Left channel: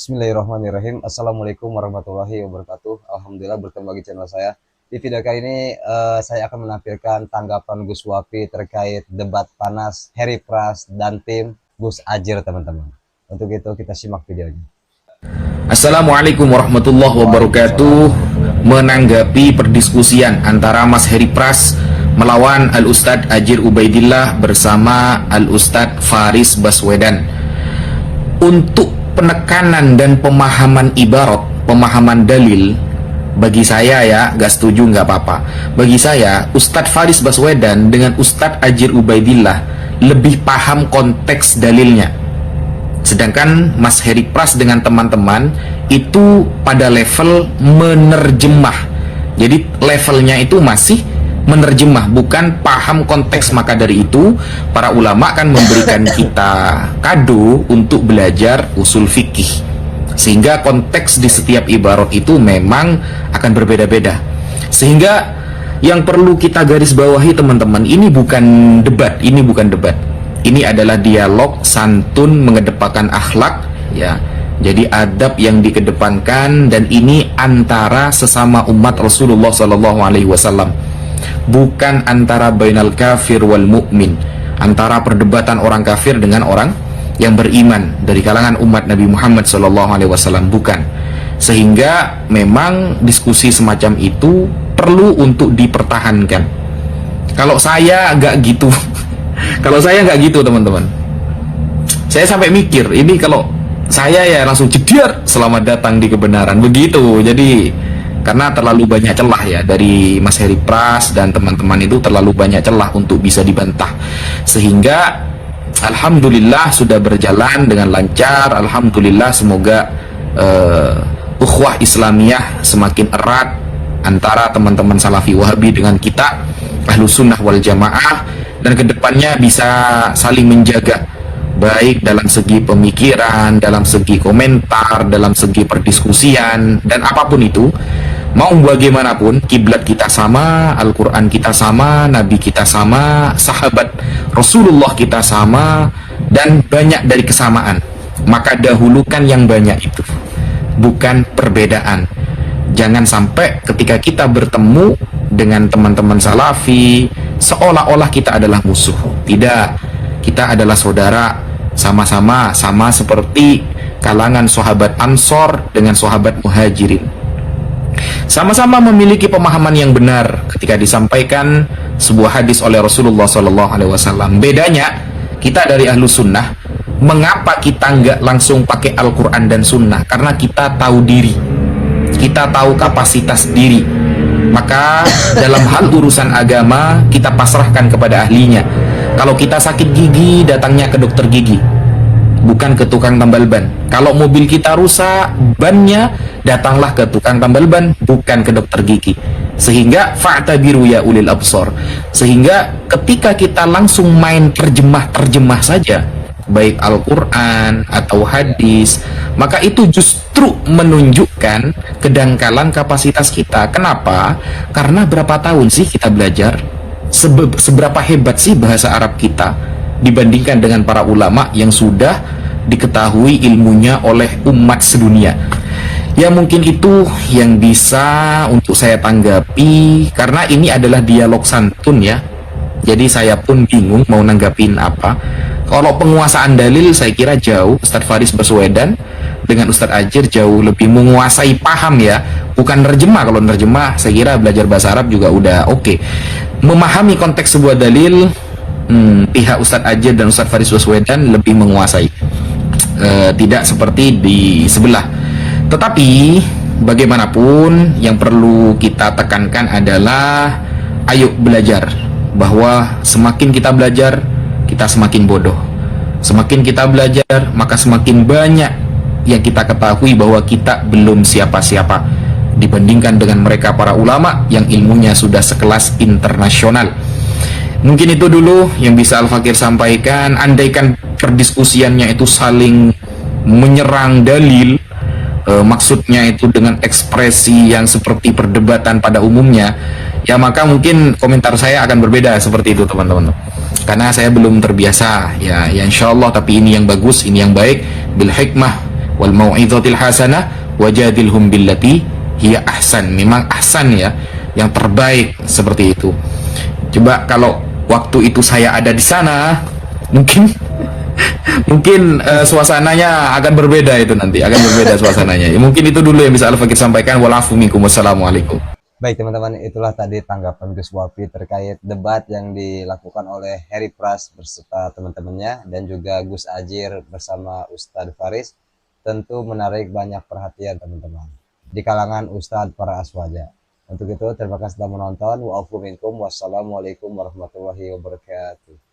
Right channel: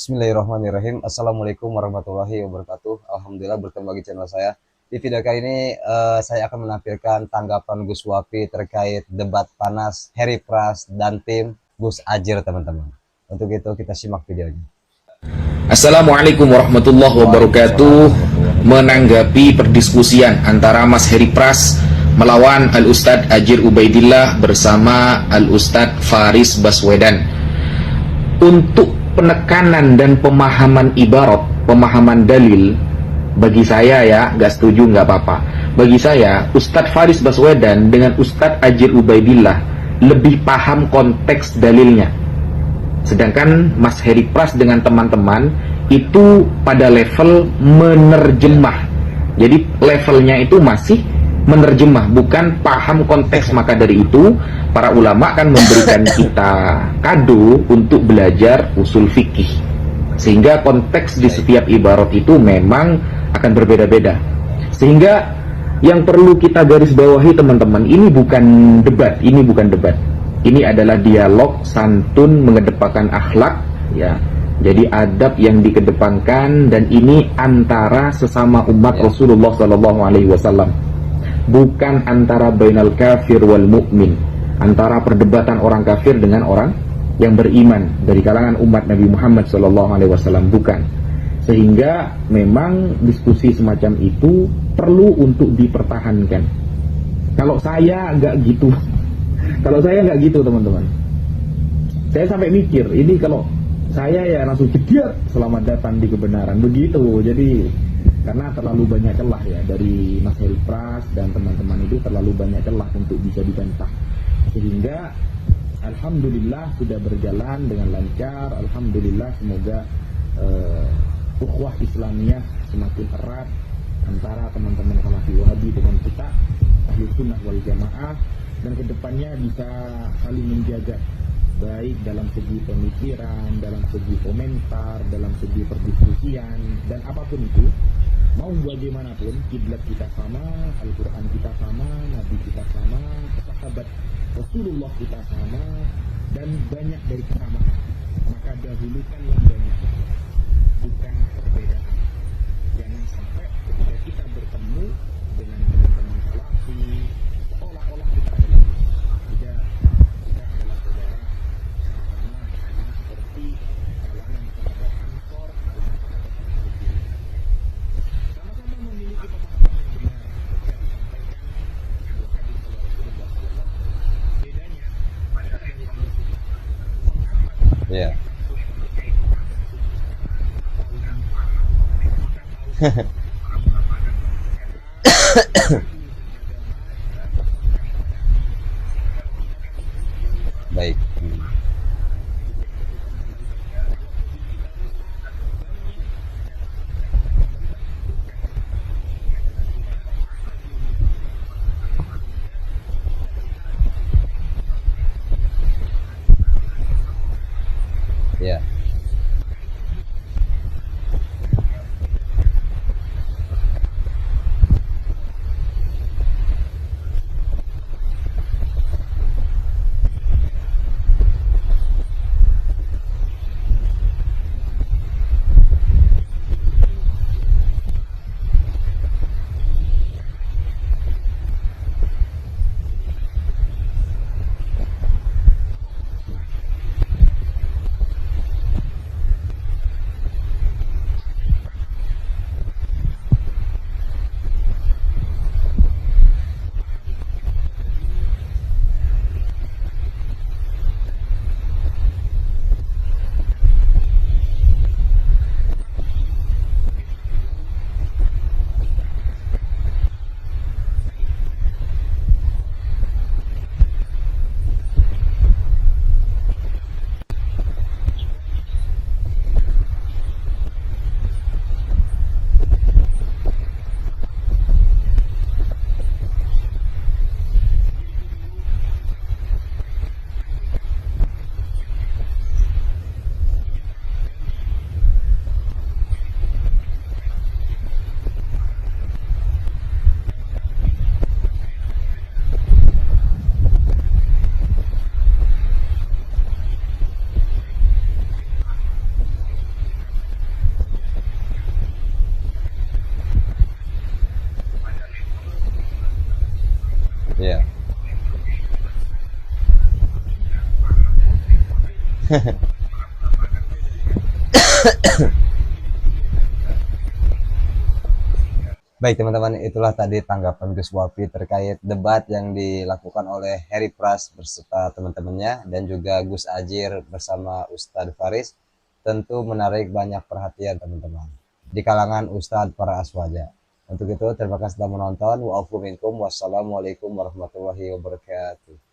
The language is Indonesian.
Bismillahirrahmanirrahim. Assalamualaikum warahmatullahi wabarakatuh. Alhamdulillah bertemu lagi channel saya. Di video kali ini saya akan menampilkan tanggapan Gus Wafi terkait debat panas Heri Pras dan tim Gus Ajir, teman-teman. Untuk itu kita simak videonya. Assalamualaikum warahmatullahi wabarakatuh. Menanggapi perdiskusian antara Mas Heri Pras melawan Al-Ustadz Ajir Ubaidillah bersama Al-Ustadz Faris Baswedan, untuk penekanan dan pemahaman ibarat, pemahaman dalil, bagi saya ya, gak setuju gak apa-apa. Bagi saya, Ustadz Faris Baswedan dengan Ustadz Ajir Ubaidillah lebih paham konteks dalilnya. Sedangkan Mas Heri Pras dengan teman-teman itu pada level menerjemah. Jadi levelnya itu masih menerjemah, bukan paham konteks. Maka dari itu para ulama kan memberikan kita kado untuk belajar usul fikih, sehingga konteks di setiap ibarat itu memang akan berbeda-beda. Sehingga yang perlu kita garis bawahi, teman-teman, ini bukan debat, ini adalah dialog santun mengedepankan akhlak, ya. Jadi adab yang dikedepankan, dan ini antara sesama umat Rasulullah SAW, bukan antara bainal kafir wal mukmin, antara perdebatan orang kafir dengan orang yang beriman dari kalangan umat Nabi Muhammad SAW, bukan. Sehingga memang diskusi semacam itu perlu untuk dipertahankan. Kalau saya nggak gitu, kalau saya nggak gitu, teman-teman, saya sampai mikir ini kalau saya ya langsung jediar, selamat datang di kebenaran, begitu. Jadi karena terlalu banyak celah ya dari Mas Heri Pras dan teman-teman, itu terlalu banyak celah untuk bisa dibantah. Sehingga alhamdulillah sudah berjalan dengan lancar. Alhamdulillah, semoga ukhuwah Islamiyah semakin erat antara teman-teman Salafi Wahabi dengan kita Ahlus Sunnah wal Jamaah, dan kedepannya bisa saling menjaga, baik dalam segi pemikiran, dalam segi komentar, dalam segi perdiskusian, dan apapun itu. Mau bagaimanapun, kiblat kita sama, Al-Quran kita sama, Nabi kita sama, sahabat Rasulullah kita sama, dan banyak dari kesamaan. Maka dahulukan yang banyak itu, bukan perbedaan. Jangan sampai ketika kita bertemu dengan teman-teman Salafi seolah-olah kita adalah musuh. Tidak, kita adalah saudara, sama-sama, sama seperti kalangan sahabat Ansor dengan sahabat Muhajirin. Sama-sama memiliki pemahaman yang benar ketika disampaikan sebuah hadis oleh Rasulullah SAW. Bedanya, kita dari Ahlus Sunnah, mengapa kita nggak langsung pakai Al-Quran dan Sunnah? Karena kita tahu diri, kita tahu kapasitas diri. Maka dalam hal urusan agama, kita pasrahkan kepada ahlinya. Kalau kita sakit gigi, datangnya ke dokter gigi, bukan ke tukang tambal ban. Kalau mobil kita rusak bannya, datanglah ke tukang tambal ban, bukan ke dokter gigi. Sehingga fa'tabiru ya ulil absor. Sehingga ketika kita langsung main terjemah saja, baik Al-Quran atau hadis, maka itu justru menunjukkan kedangkalan kapasitas kita. Kenapa? Karena berapa tahun sih kita belajar? Seberapa hebat sih bahasa Arab kita dibandingkan dengan para ulama yang sudah diketahui ilmunya oleh umat sedunia. Ya, mungkin itu yang bisa untuk saya tanggapi, karena ini adalah dialog santun ya. Jadi saya pun bingung mau nanggapin apa. Kalau penguasaan dalil, saya kira jauh Ustadz Faris Baswedan dengan Ustadz Ajir jauh lebih menguasai paham ya. Bukan nerjemah, kalau nerjemah saya kira belajar bahasa Arab juga udah oke. Memahami konteks sebuah dalil, pihak Ustadz Ajir dan Ustadz Faris Baswedan lebih menguasai, tidak seperti di sebelah. Tetapi bagaimanapun, yang perlu kita tekankan adalah ayo belajar, bahwa semakin kita belajar, kita semakin bodoh. Semakin kita belajar, maka semakin banyak yang kita ketahui bahwa kita belum siapa-siapa dibandingkan dengan mereka para ulama yang ilmunya sudah sekelas internasional. Mungkin itu dulu yang bisa Al-Fakir sampaikan. Andaikan perdiskusiannya itu saling menyerang dalil, maksudnya itu dengan ekspresi yang seperti perdebatan pada umumnya, ya maka mungkin komentar saya akan berbeda seperti itu, teman-teman. Karena saya belum terbiasa, ya insya Allah. Tapi ini yang bagus, ini yang baik, bil hikmah wal mau'izatil hasanah wajadilhum billati hiya ahsan. Memang ahsan ya, yang terbaik seperti itu. Coba kalau waktu itu saya ada di sana, mungkin mungkin suasananya akan berbeda itu nanti, akan berbeda suasananya. Ya, mungkin itu dulu yang bisa Al-Fakir sampaikan. Walafu minkum, wassalamualaikum. Baik teman-teman, itulah tadi tanggapan Gus Wafi terkait debat yang dilakukan oleh Heri Pras beserta teman-temannya dan juga Gus Ajir bersama Ustadz Faris. Tentu menarik banyak perhatian teman-teman di kalangan Ustadz para aswaja. Untuk itu terima kasih telah menonton. Wa'afu minkum, wassalamualaikum warahmatullahi wabarakatuh.